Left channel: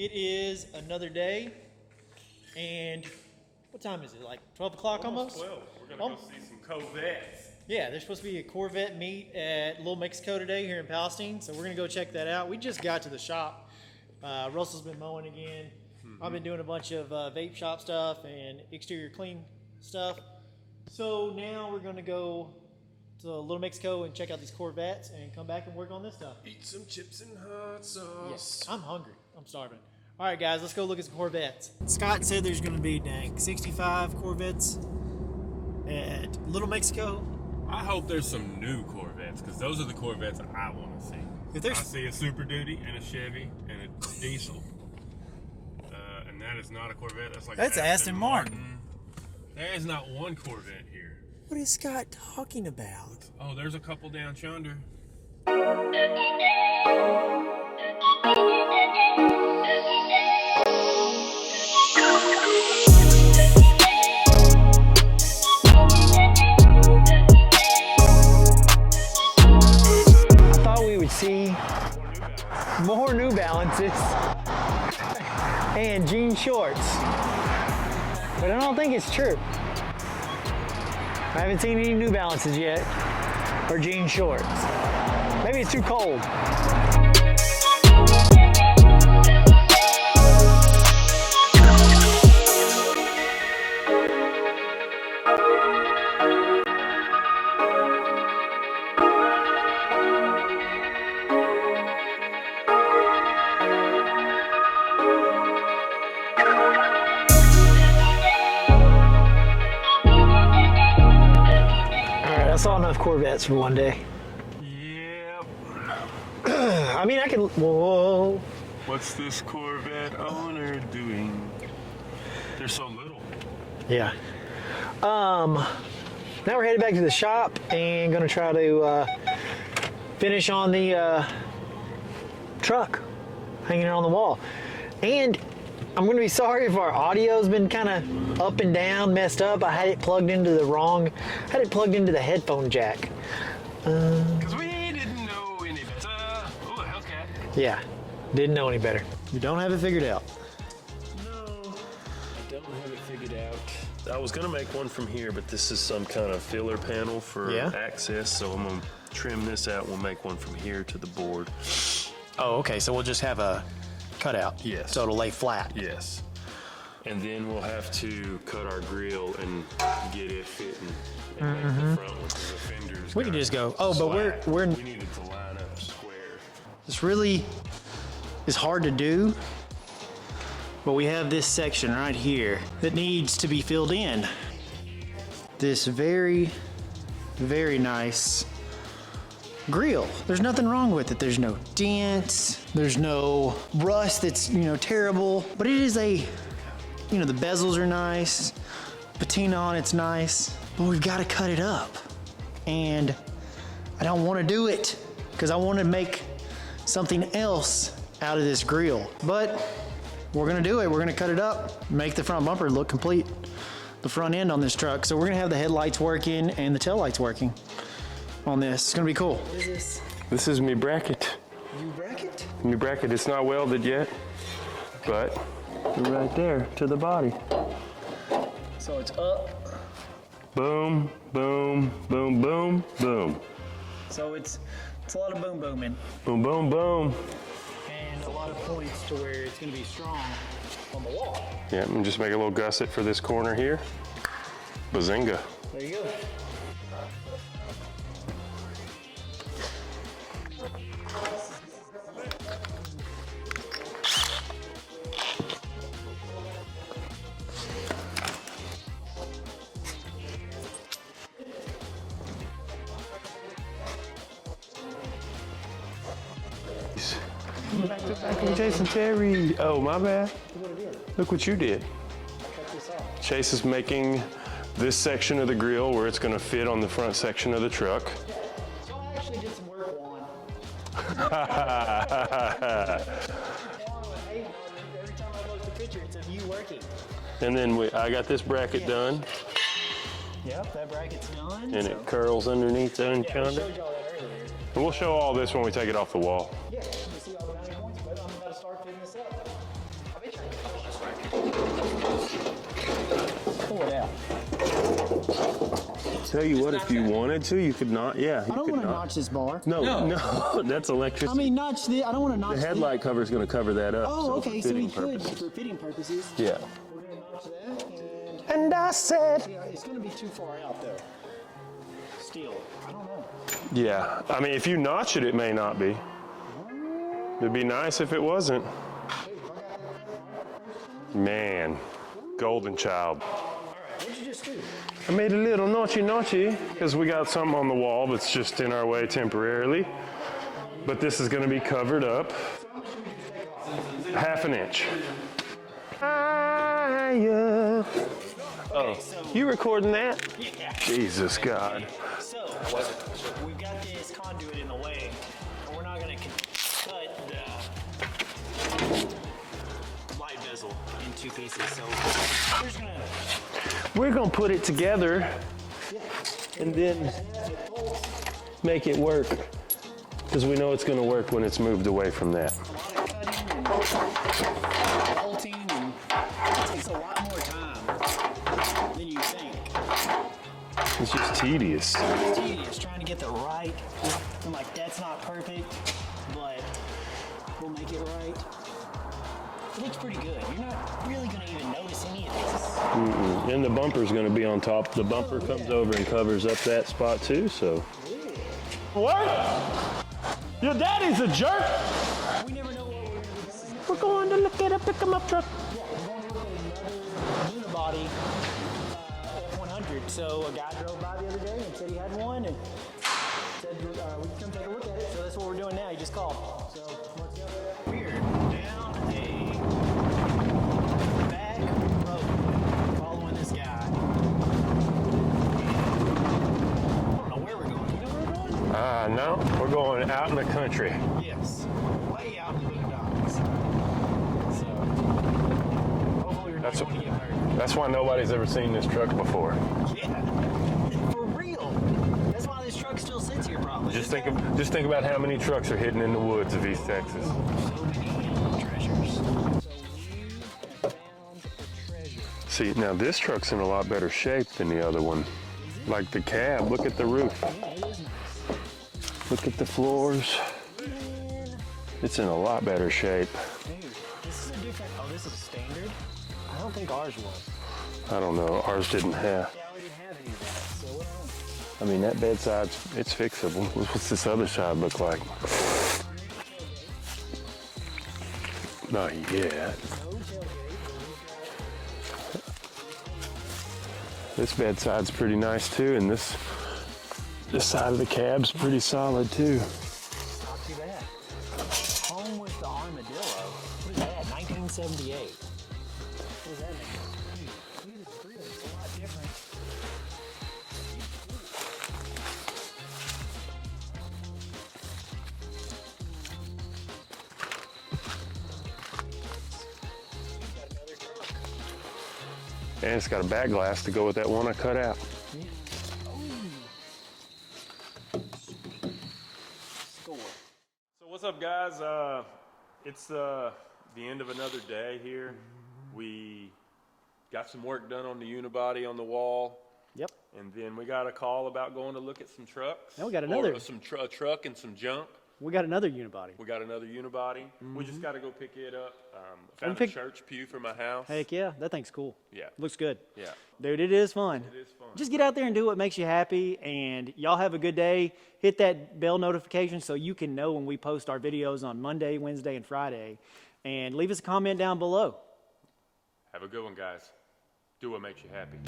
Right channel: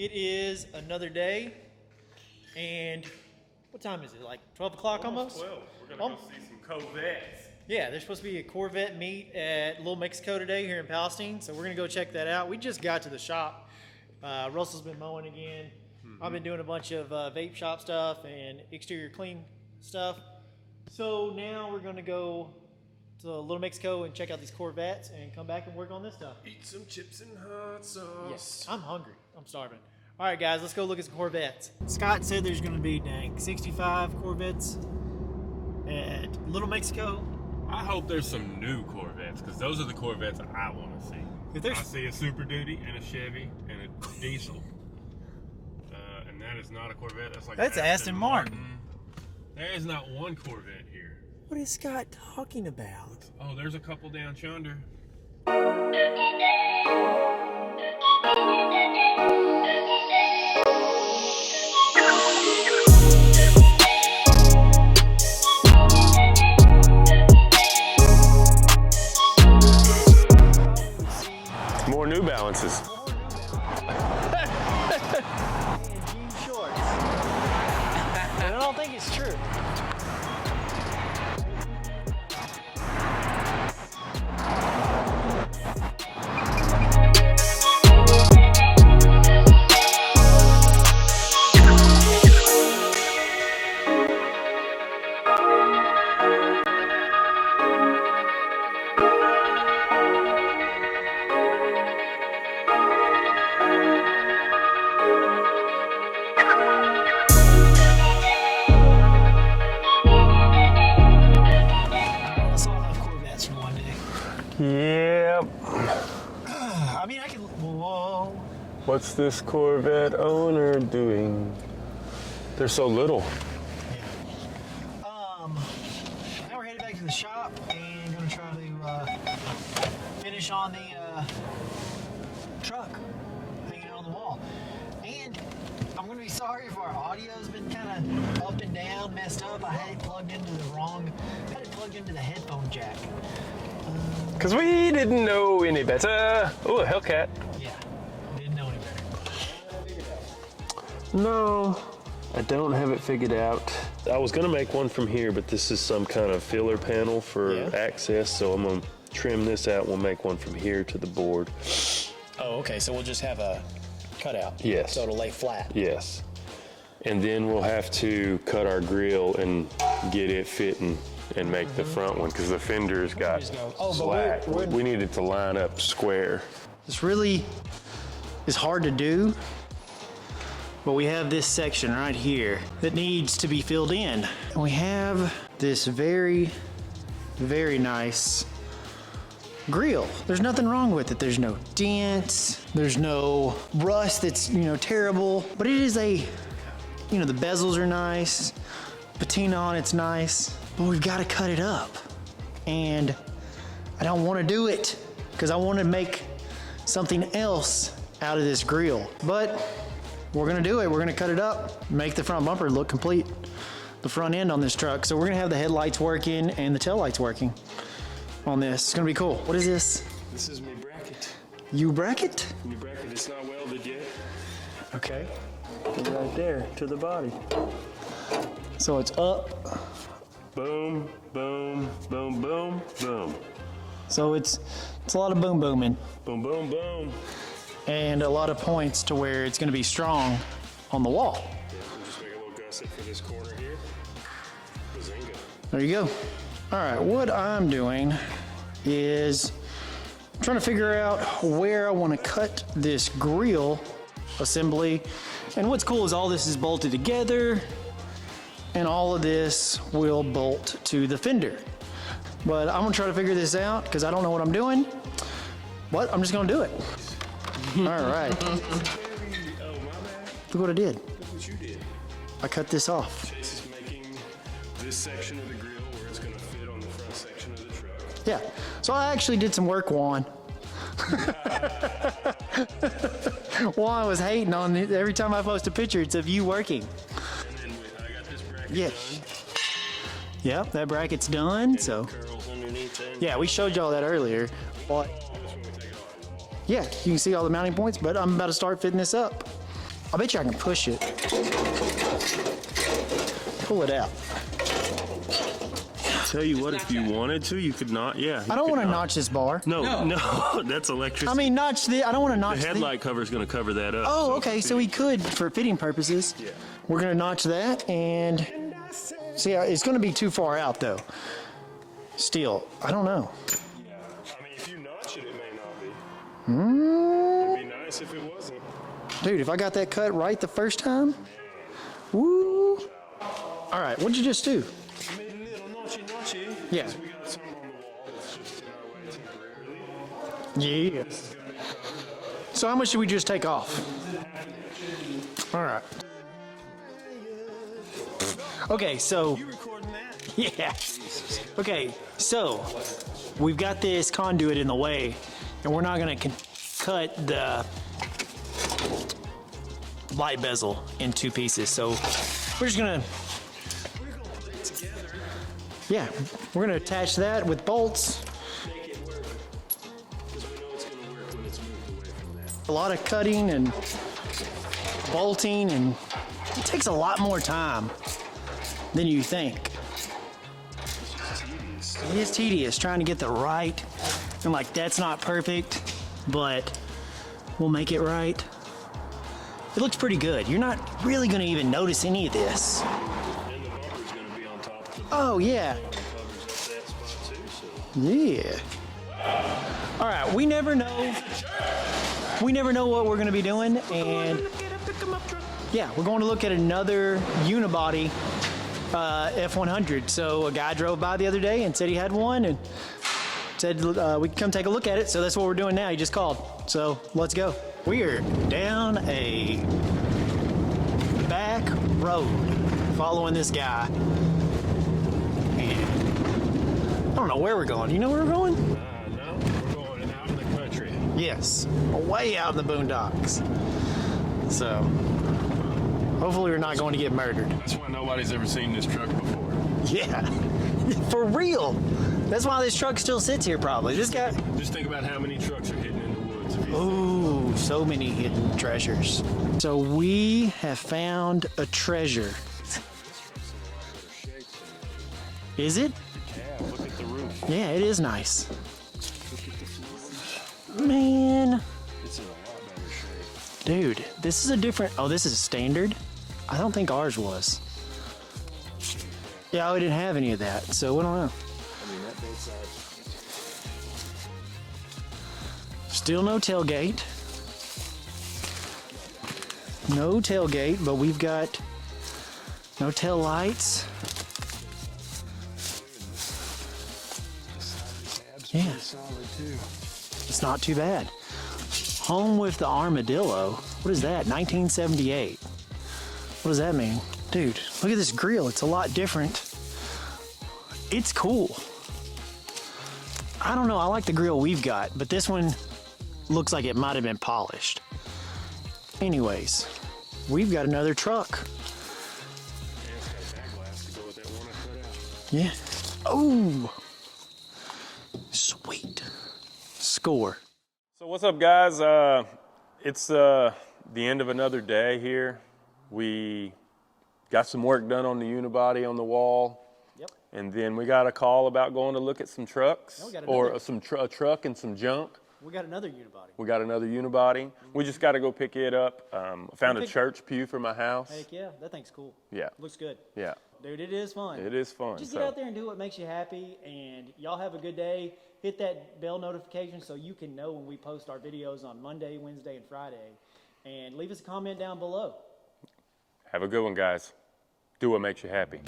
It is another day, and what time is it? Like 12 o'clock almost? 12. We're going to go see some Corvettes. Yeah, there's supposed to be a Corvette meet at Little Mexico today here in Palestine, so we're going to go check that out. We just got to the shop. Russell's been mowing again. I've been doing a bunch of vape shop stuff and exterior clean stuff. So now we're going to go to Little Mexico and check out these Corvettes and come back and work on this stuff. Eat some chips and hot sauce. Yes, I'm hungry. I'm starving. All right, guys, let's go look at some Corvettes. Scott said there's going to be, 65 Corvettes at Little Mexico. I hope there's some new Corvettes, because those are the Corvettes I want to see. If there's... I see a Super Duty and a Chevy and a diesel. And that is not a Corvette. That's Aston Martin. There is not one Corvette here. What is Scott talking about? Oh, there's a couple down yonder. More New Balances and jean shorts. And I don't think it's true. I haven't seen any New Balances yet, or jean shorts. Maybe it's too cold. Corvettes for one day. Yep. I mean, I can. Whoa. What's this Corvette owner doing? They're so little. Yeah. Now we're headed back to the shop and gonna try to finish on the truck hanging it on the wall. And I'm gonna be sorry if our audio's been kind of up and down, messed up. I had it plugged into the headphone jack. Because we didn't know any better. Oh, a Hellcat. Yeah, didn't know any better. You don't have it figured out. No, I don't have it figured out. I was gonna make one from here, but this is some kind of filler panel for access, so I'm gonna trim this out. We'll make one from here to the board. Oh, okay, so we'll just have a cutout. Yes. So it'll lay flat. Yes. And then we'll have to cut our grill and get it fitting and make the front one, because the fender's We got can just go, oh, but slack. we're We need it to line up square. This really is hard to do, but we have this section right here that needs to be filled in. We have this very, very nice grill. There's nothing wrong with it. There's no dents. There's no rust that's, terrible. But it is the bezels are nice. Patina on it's nice. But we've got to cut it up. And I don't want to do it because I want to make something else out of this grill. But we're going to do it. We're going to cut it up, make the front bumper look complete, the front end on this truck. So we're going to have the headlights working and the tail lights working on this. It's gonna be cool. What is this? This is me bracket. You bracket? Me bracket. It's not welded yet. Okay. But right there to the body. So it's up. Boom, boom, boom, boom, boom. So it's a lot of boom booming. Boom, boom, boom. And a lot of points to where it's gonna be strong on the wall. Yeah, and just make a little gusset for this corner here. Bazinga. There you go. All right, what I'm doing is trying to figure out where I want to cut this grill assembly. And what's cool is all this is bolted together and all of this will bolt to the fender. But I'm gonna try to figure this out because I don't know what I'm doing. But I'm just gonna do it. All right. Jason Terry. Oh, my bad. Look what I did. Look what you did. I cut this off. Chase is making this section of the grill where it's going to fit on the front section of the truck. Yeah, so I actually did some work, Juan. Juan was hating on it. Every time I post a picture, it's of you working. And then I got this bracket done. Yep, that bracket's done. And it curls underneath there. Yeah, we showed y'all that earlier. And we'll show all this when we take it off the wall. Yeah, you can see all the mounting points, but I'm about to start fitting this up. I bet you I can push it. Pull it out. Tell you what, if you wanted to, you could not. Yeah. I don't want to notch this bar. No, that's electricity. I mean, notch the. I don't want to notch the headlight cover is going to cover that up. Oh, okay. So we could, for fitting purposes. Yeah. We're going to notch that, and I said, see, it's going to be too far out though. Still, I don't know. Yeah. I mean, if you notch it, it may not be. It'd be nice if it wasn't. Dude, if I got that cut right the first time. Man, Woo. golden child. All right, what'd you just do? I made a little notchy because we got something on the wall that's just in our way temporarily. Yeah. But this is going to be covered up. So how much did we just take off? 1/2 inch. All right. Okay, so. You recording that? Yeah. Jesus God. Okay, so we've got this conduit in the way, and we're not going to cut the light bezel in 2 pieces. So we're gonna put it together. Yeah, we're gonna attach that with bolts. Make it work. Because we know it's going to work when it's moved away from that. A lot of cutting and bolting, and it takes a lot more time than you think. It's just tedious. It's tedious trying to get the right, and like that's not perfect, but we'll make it right. It looks pretty good. You're not really going to even notice any of this. And the bumper's going to be on top. The bumper comes over and covers up that spot too, so. Yeah. What? All right, we never know. That is a jerk. We never know what we're going to be doing. We're going to look at a pick-em-up truck. Yeah, we're going to look at another unibody F100. So a guy drove by the other day and said he had one and said we could come take a look at it. So that's what we're doing now. He just called. So let's go. We're down a back road following this guy. And I don't know where we're going. You know where we're going? No. We're going out in the country. Yes. Way out in the boondocks. So hopefully we're not going to get murdered. That's why nobody's ever seen this truck before. Yeah. For real. That's why this truck still sits here probably. Just think about how many trucks are hidden in the woods of East Texas. Ooh, so many hidden treasures. So we have found a treasure. See, now this truck's in a lot better shape than the other one. Is it? Like the cab. Look at the roof. Yeah, it is nice. Look at the floors. Man. It's in a lot better shape. Dude, this is a different... Oh, this is standard? I don't think ours was. I don't know. Ours didn't have. Yeah, we didn't have any of that, so we don't know. I mean, that bedside, it's fixable. What's this other side look like? Still no tailgate. Not yet. No tailgate, but we've got no tail lights. This bedside's pretty nice too, and this side of the cab's pretty solid too. It's not too bad. Home with the armadillo. What is that? 1978. What does that mean? Dude, look at this grill. It's a lot different. It's cool. I don't know. I like the grill we've got, but this one looks like it might have been polished. Anyways, we've got another truck. And it's got a back glass to go with that one I cut out. Yeah. Oh, sweet. Score. So what's up, guys? It's the end of another day here. We got some work done on the unibody on the wall. Yep. And then we got a call about going to look at some trucks. Yeah, we got another. Or a truck and some junk. We got another unibody. We got another unibody. We just got to go pick it up. I found a church pew for my house. Heck yeah, that thing's cool. Yeah. Looks good. Yeah. Dude, it is fun. It is fun. Just get out there and do what makes you happy, and y'all have a good day. Hit that bell notification so you can know when we post our videos on Monday, Wednesday, and Friday. And leave us a comment down below. Have a good one, guys. Do what makes you happy.